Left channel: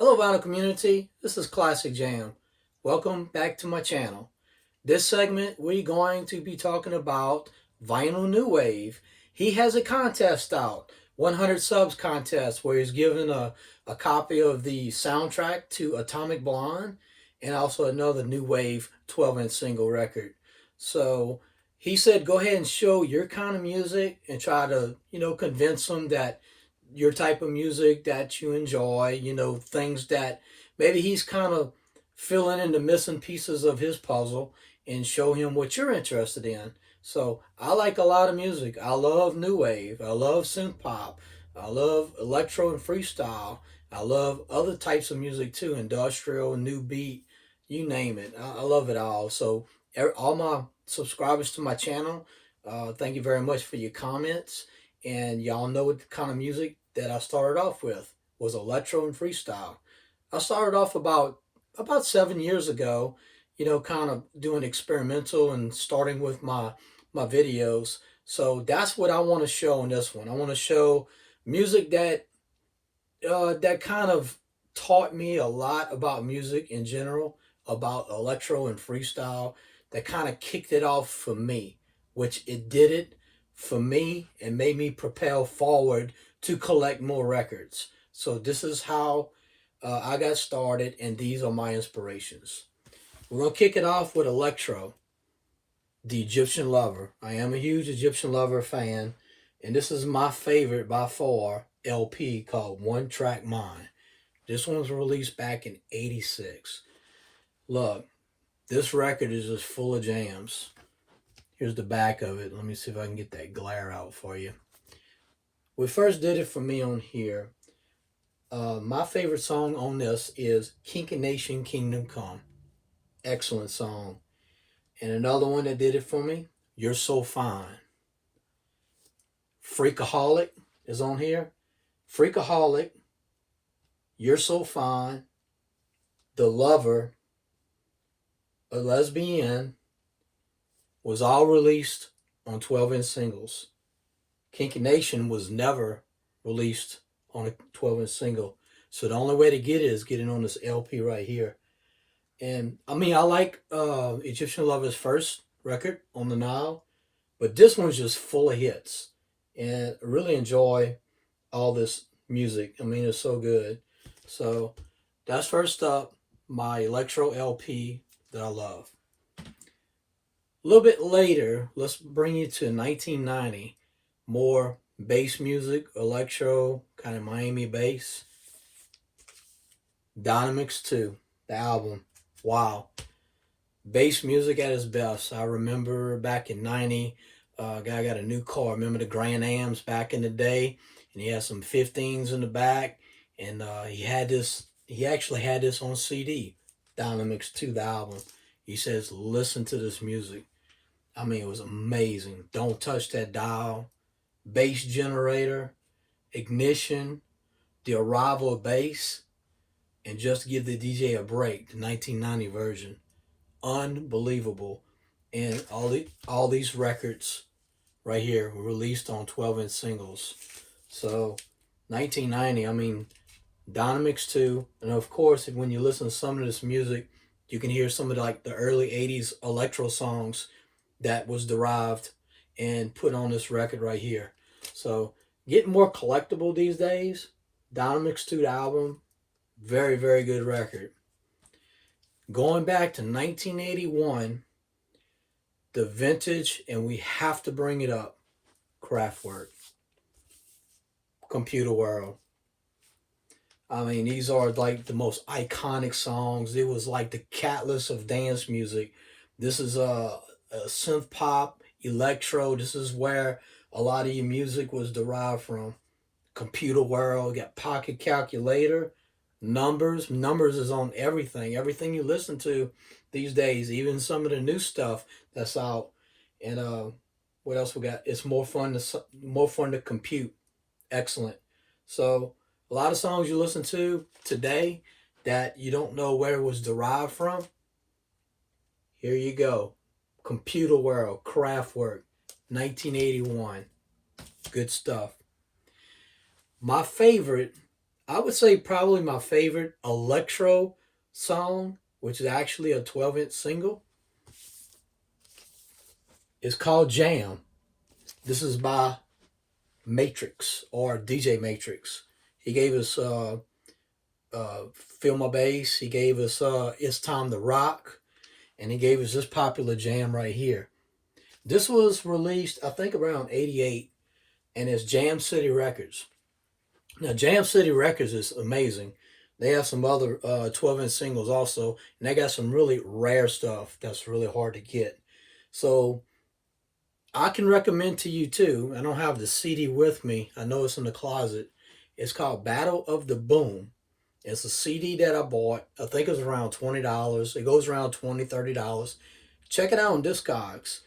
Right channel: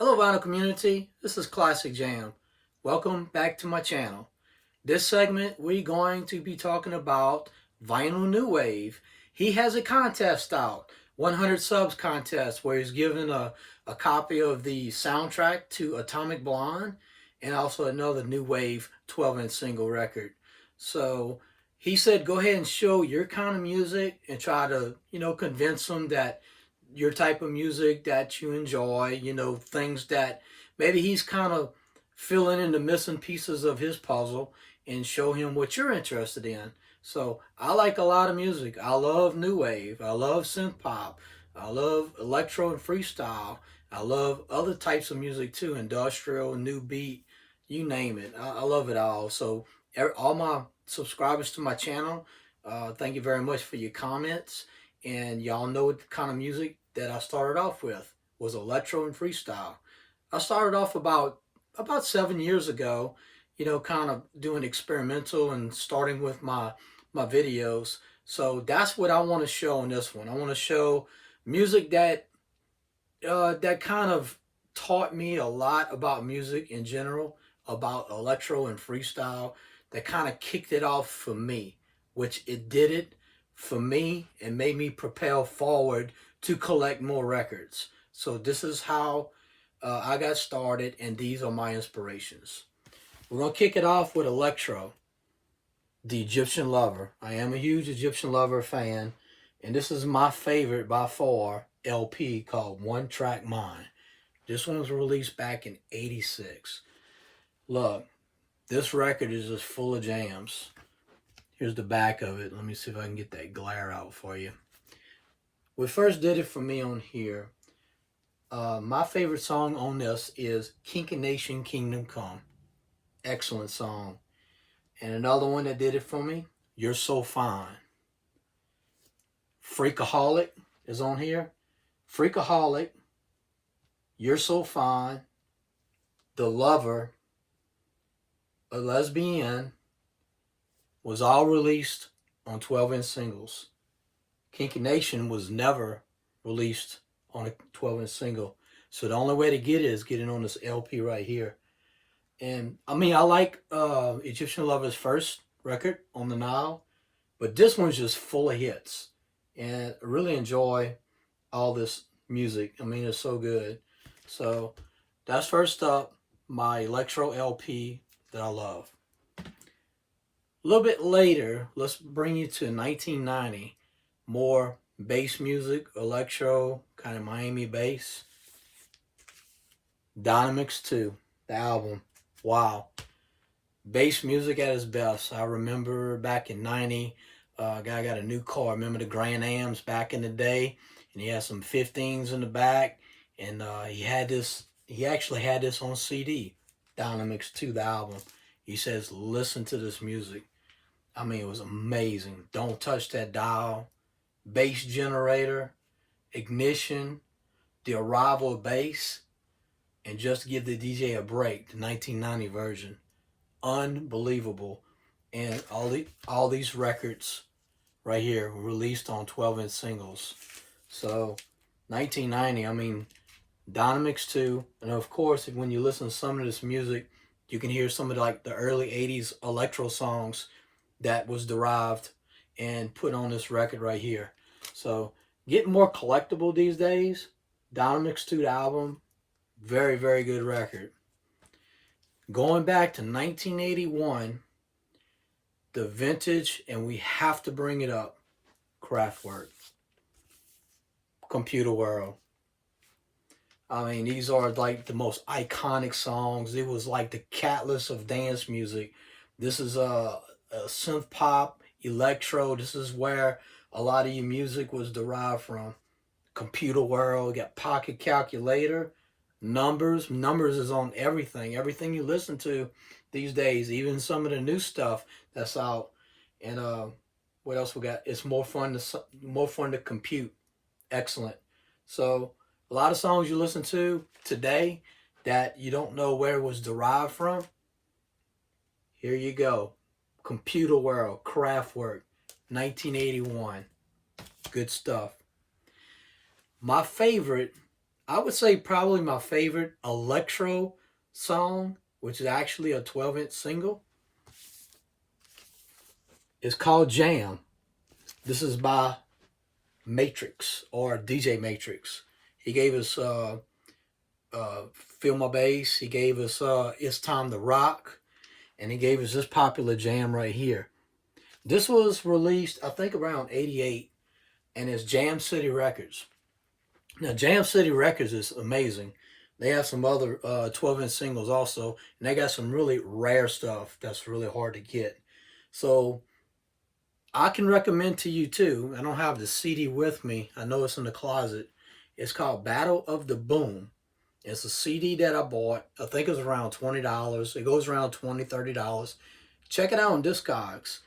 Hello vinyl community, this is Classic Jam. Welcome back to my channel. This segment we're going to be talking about Vinyl New Wave. He has a contest out, 100 subs contest, where he's given a copy of the soundtrack to Atomic Blonde and also another New Wave 12-inch single record. So he said go ahead and show your kind of music and try to, convince them that your type of music that you enjoy, things that maybe he's kind of filling in the missing pieces of his puzzle and show him what you're interested in. So I like a lot of music. I love new wave. I love synth pop. I love electro and freestyle. I love other types of music too, industrial, new beat, you name it. I love it all. So all my subscribers to my channel, thank you very much for your comments. And y'all know what kind of music that I started off with was electro and freestyle. I started off about 7 years ago, kind of doing experimental and starting with my videos. So that's what I want to show in this one. I want to show music that kind of taught me a lot about music in general, about electro and freestyle, that kind of kicked it off for me, which it did it for me and made me propel forward to collect more records. So this is how I got started, and these are my inspirations. We're going to kick it off with Electro, the Egyptian Lover. I am a huge Egyptian Lover fan, and this is my favorite by far LP called One Track Mind. This one was released back in '86. Look, this record is just full of jams. Here's the back of it. Let me see if I can get that glare out for you. We first did it for me on here. My favorite song on this is Kinky Nation Kingdom Come. Excellent song. And another one that did it for me, You're So Fine. Freakaholic is on here. Freakaholic, You're So Fine, The Lover, A Lesbian was all released on 12-inch singles. Kinky Nation was never released on a 12-inch single. So the only way to get it is getting on this LP right here. And I mean, I like Egyptian Lover's first record on the Nile, but this one's just full of hits. And I really enjoy all this music. I mean, it's so good. So that's first up, my Electro LP that I love. A little bit later, let's bring you to 1990. More bass music, electro, kind of Miami bass. Dynamics 2, the album. Wow. Bass music at its best. I remember back in 90, guy got a new car. Remember the Grand Ams back in the day? And he had some 15s in the back. And he actually had this on CD. Dynamics 2, the album. He says, listen to this music. I mean, it was amazing. Don't touch that dial. Bass generator, ignition, the arrival of bass, and just give the DJ a break. The 1990 version, unbelievable. And all these records right here were released on 12-inch singles. So 1990, I mean, Dynamics 2, and of course, when you listen to some of this music, you can hear some of the early 80s electro songs that was derived and put on this record right here. So getting more collectible these days. Dynamics 2, the album, very, very good record. Going back to 1981, the vintage, and we have to bring it up, Kraftwerk, Computer World. I mean, these are like the most iconic songs. It was like the catalyst of dance music. This is a synth pop, electro. This is where a lot of your music was derived from. Computer World, got Pocket Calculator, Numbers. Numbers is on everything. Everything you listen to these days, even some of the new stuff that's out. And what else we got? It's more fun to compute. Excellent. So a lot of songs you listen to today that you don't know where it was derived from. Here you go. Computer World, Kraftwerk, 1981. Good stuff. My favorite I would say probably my favorite electro song, which is actually a 12-inch single, is called Jam. This is by Matrix or DJ Matrix. He gave us Feel My Bass. He gave us It's Time to Rock. And he gave us this popular jam right here. This was released, I think, around 88, and it's Jam City Records. Now, Jam City Records is amazing. They have some other 12-inch singles also, and they got some really rare stuff that's really hard to get. So I can recommend to you too. I don't have the CD with me. I know it's in the closet. It's called Battle of the Boom. It's a CD that I bought. I think it was around $20. It goes around $20, $30. Check it out on Discogs.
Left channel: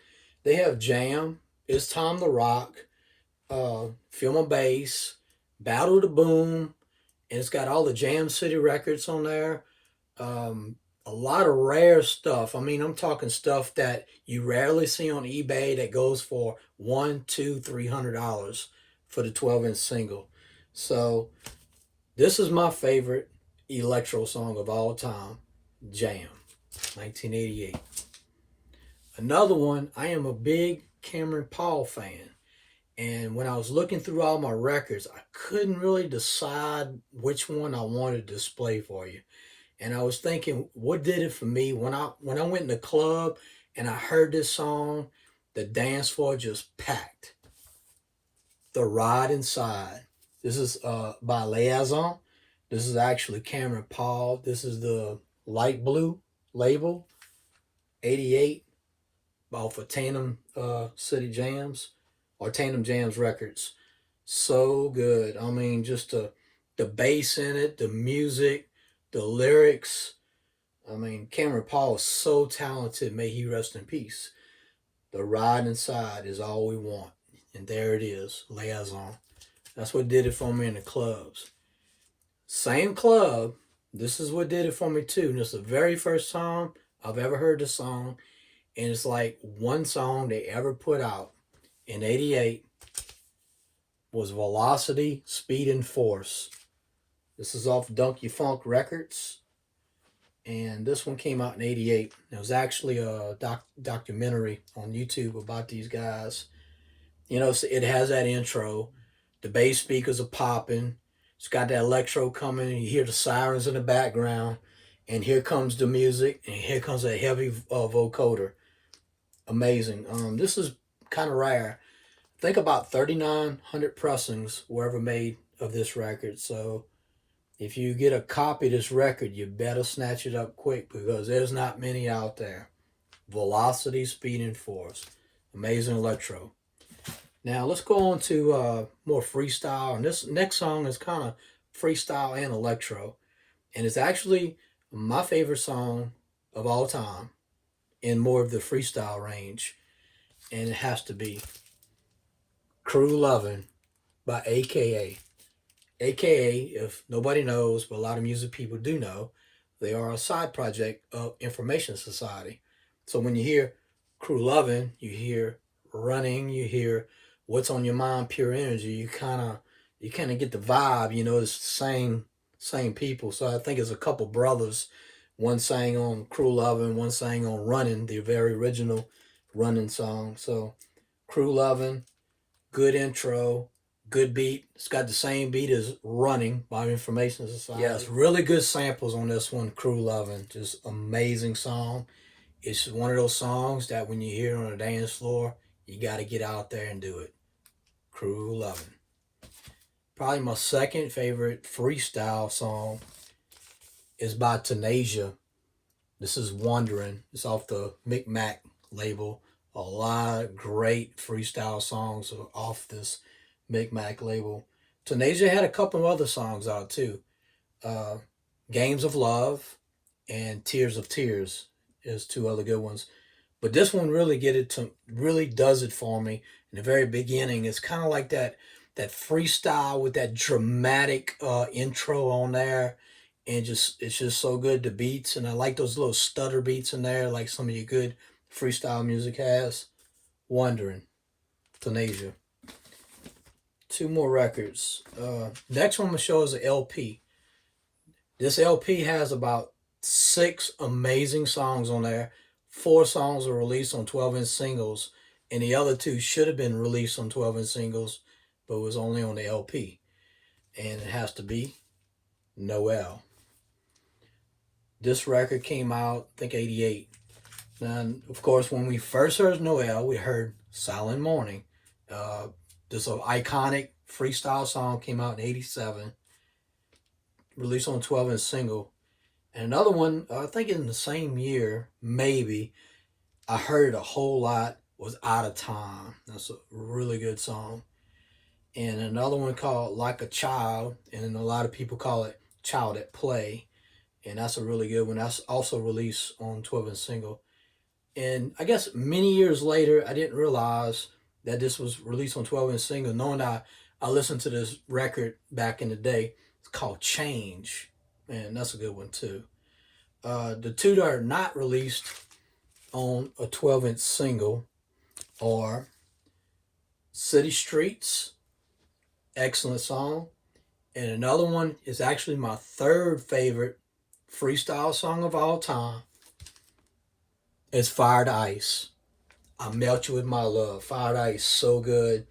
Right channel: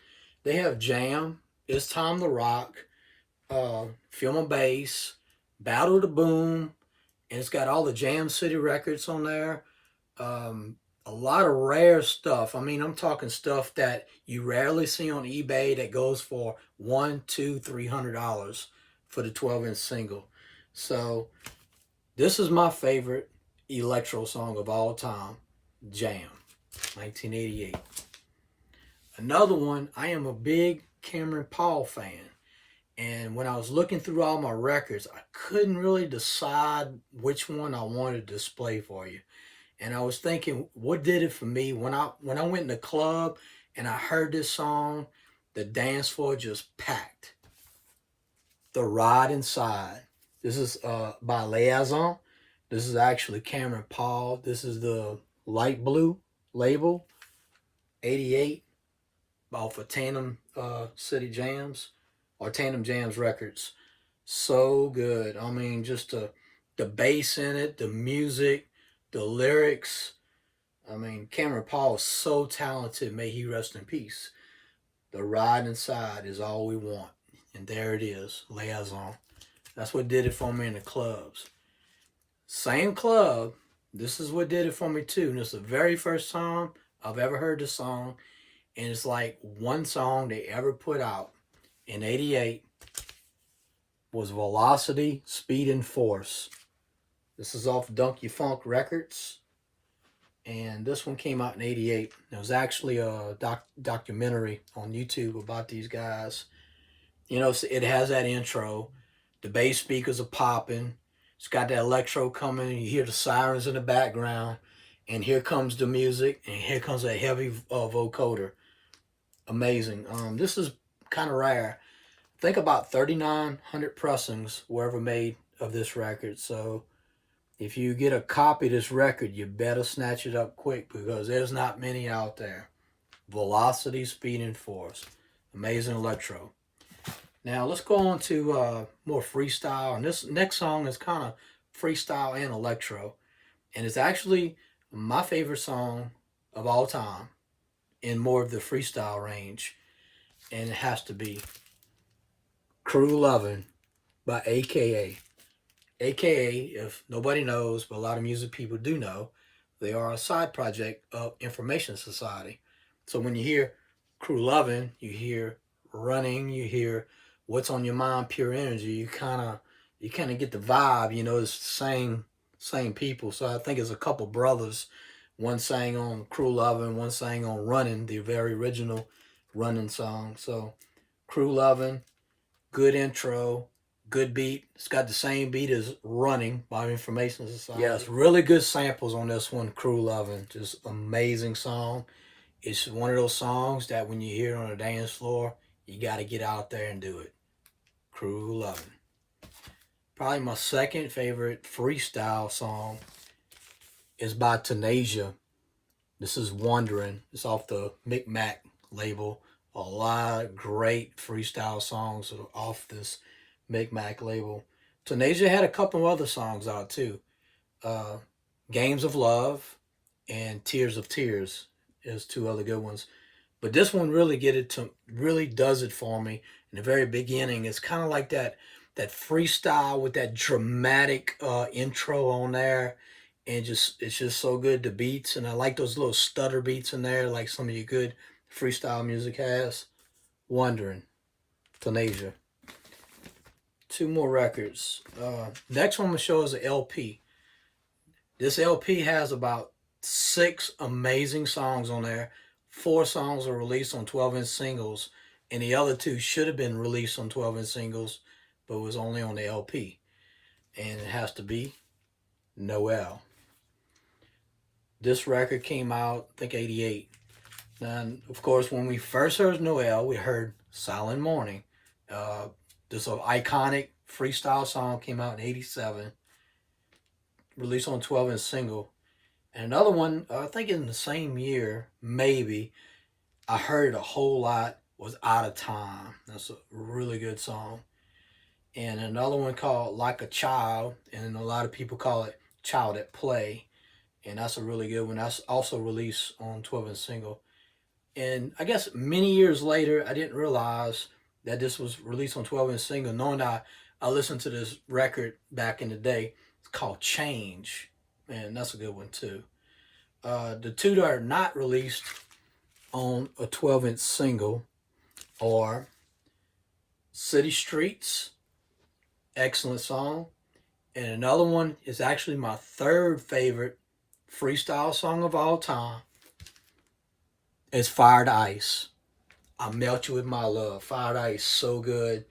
They have Jam, It's Time to Rock, Feel My Bass, Battle the Boom, and it's got all the Jam City records on there. A lot of rare stuff. I mean, I'm talking stuff that you rarely see on eBay that goes for $100, $200, $300 for the 12-inch single. So this is my favorite electro song of all time, Jam, 1988. Another one, I am a big Cameron Paul fan. And when I was looking through all my records, I couldn't really decide which one I wanted to display for you. And I was thinking, what did it for me when I went in the club and I heard this song, the dance floor just packed. The Ride Inside. This is by Liaison. This is actually Cameron Paul. This is the light blue label, 88, off of Tandem City Jams or Tandem Jams Records. So good. I mean, just the bass in it, the music, the lyrics. I mean, Cameron Paul is so talented. May he rest in peace. The Ride Inside is all we want. And there it is, Liaison. That's what did it for me in the clubs. Same club. This is what did it for me too. And it's the very first time I've ever heard the song. And it's like one song they ever put out in 88 was Velocity, Speed, and Force. This is off Donkey Funk Records. And this one came out in 88. It was actually a documentary on YouTube about these guys. You know, it has that intro. The bass speakers are popping. It's got that electro coming. You hear the sirens in the background. And here comes the music. And here comes that heavy vocoder. Amazing. This is kind of rare. Think about 3,900 pressings were ever made of this record. So if you get a copy of this record, you better snatch it up quick because there's not many out there. Velocity, Speed, and Force. Amazing electro. Now let's go on to more freestyle. And this next song is kind of freestyle and electro. And it's actually my favorite song of all time in more of the freestyle range. And it has to be Crew Lovin' by AKA. AKA, if nobody knows, but a lot of music people do know, they are a side project of Information Society. So when you hear Crew Lovin', you hear Running, you hear What's on Your Mind, Pure Energy. You kind of get the vibe. You know, it's the same people. So I think it's a couple brothers. One sang on Crew Lovin', one sang on Running, the very original Running song. So Crew Lovin', good intro, good beat. It's got the same beat as Running by Information Society. Yes, really good samples on this one, Crew Lovin'. Just amazing song. It's one of those songs that when you hear it on a dance floor, you got to get out there and do it. Crew Lovin'. Probably my second favorite freestyle song is by Tenasia. This is Wondering. It's off the Micmac label. A lot of great freestyle songs are off this Micmac label. Tenasia had a couple of other songs out too. Games of Love and Tears of Tears is two other good ones. But this one really really does it for me. In the very beginning, it's kind of like that freestyle with that dramatic intro on there. And it's just so good, the beats. And I like those little stutter beats in there, like some of your good freestyle music has. Wondering, Tenasia. Two more records. Next one I'm going to show is an LP. This LP has about 6 amazing songs on there. 4 songs are released on 12-inch singles, and the other 2 should have been released on 12-inch singles, but was only on the LP. And it has to be Noel. This record came out, I think, 88. And of course, when we first heard Noel, we heard Silent Morning. This iconic freestyle song came out in 87, released on 12-inch single. And another one, I think in the same year, maybe, I heard it a whole lot, was Out of Time. That's a really good song. And another one called Like a Child, and a lot of people call it Child at Play. And that's a really good one. That's also released on 12-inch single. And I guess many years later, I didn't realize that this was released on 12-inch single, knowing that I listened to this record back in the day. It's called Change. And that's a good one too. The 2 that are not released on a 12-inch single are City Streets, excellent song. And another one is actually my 3rd favorite freestyle song of all time. It's Fired Ice. I Melt You With My Love. Fired Ice, so good.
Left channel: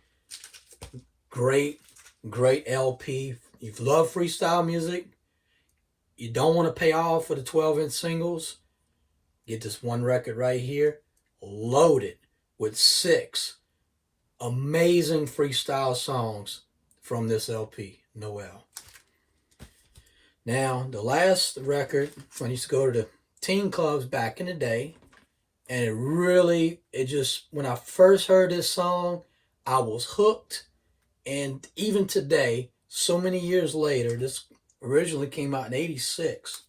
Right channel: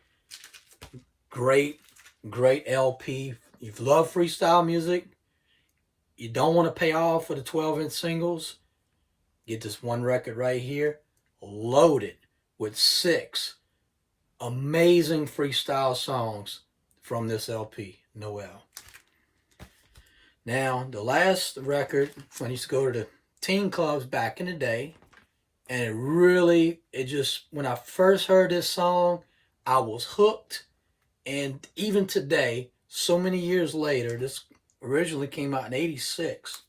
Great, great LP. If you love freestyle music, you don't want to pay off for the 12-inch singles, get this one record right here, loaded with 6 amazing freestyle songs from this LP, Noel. Now, the last record, when I used to go to the teen clubs back in the day, and when I first heard this song, I was hooked. And even today, so many years later, this originally came out in 86.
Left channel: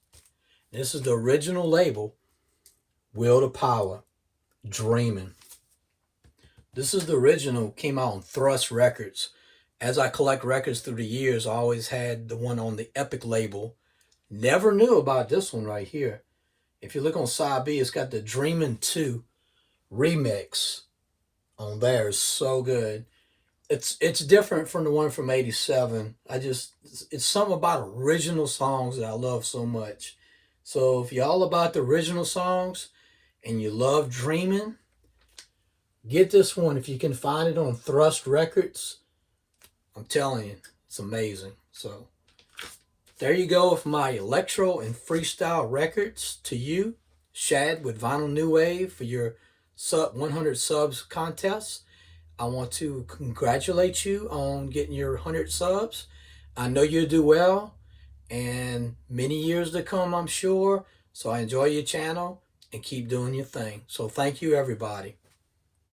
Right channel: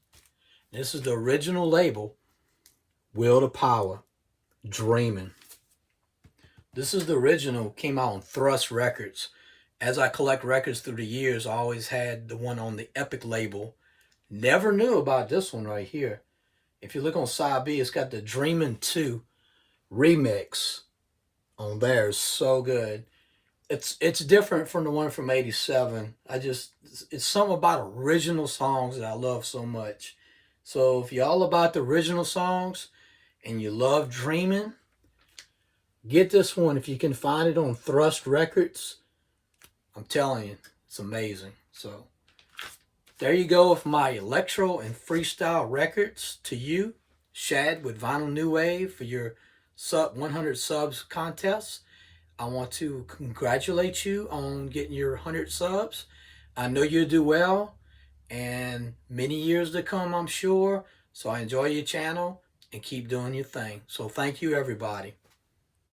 This is the original label, Will to Power, Dreamin'. This is the original, came out on Thrust Records. As I collect records through the years, I always had the one on the Epic label. Never knew about this one right here. If you look on side B, it's got the Dreamin' 2 remix on there. It's so good. It's different from the one from 87. It's something about original songs that I love so much. So if you're all about the original songs and you love Dreamin', get this one if you can find it on Thrust Records. I'm telling you, it's amazing. So there you go with my electro and freestyle records to you, Shad with Vinyl New Wave for your 100 subs contest. I want to congratulate you on getting your 100 subs. I know you'll do well, and many years to come, I'm sure. So I enjoy your channel and keep doing your thing. So thank you, everybody.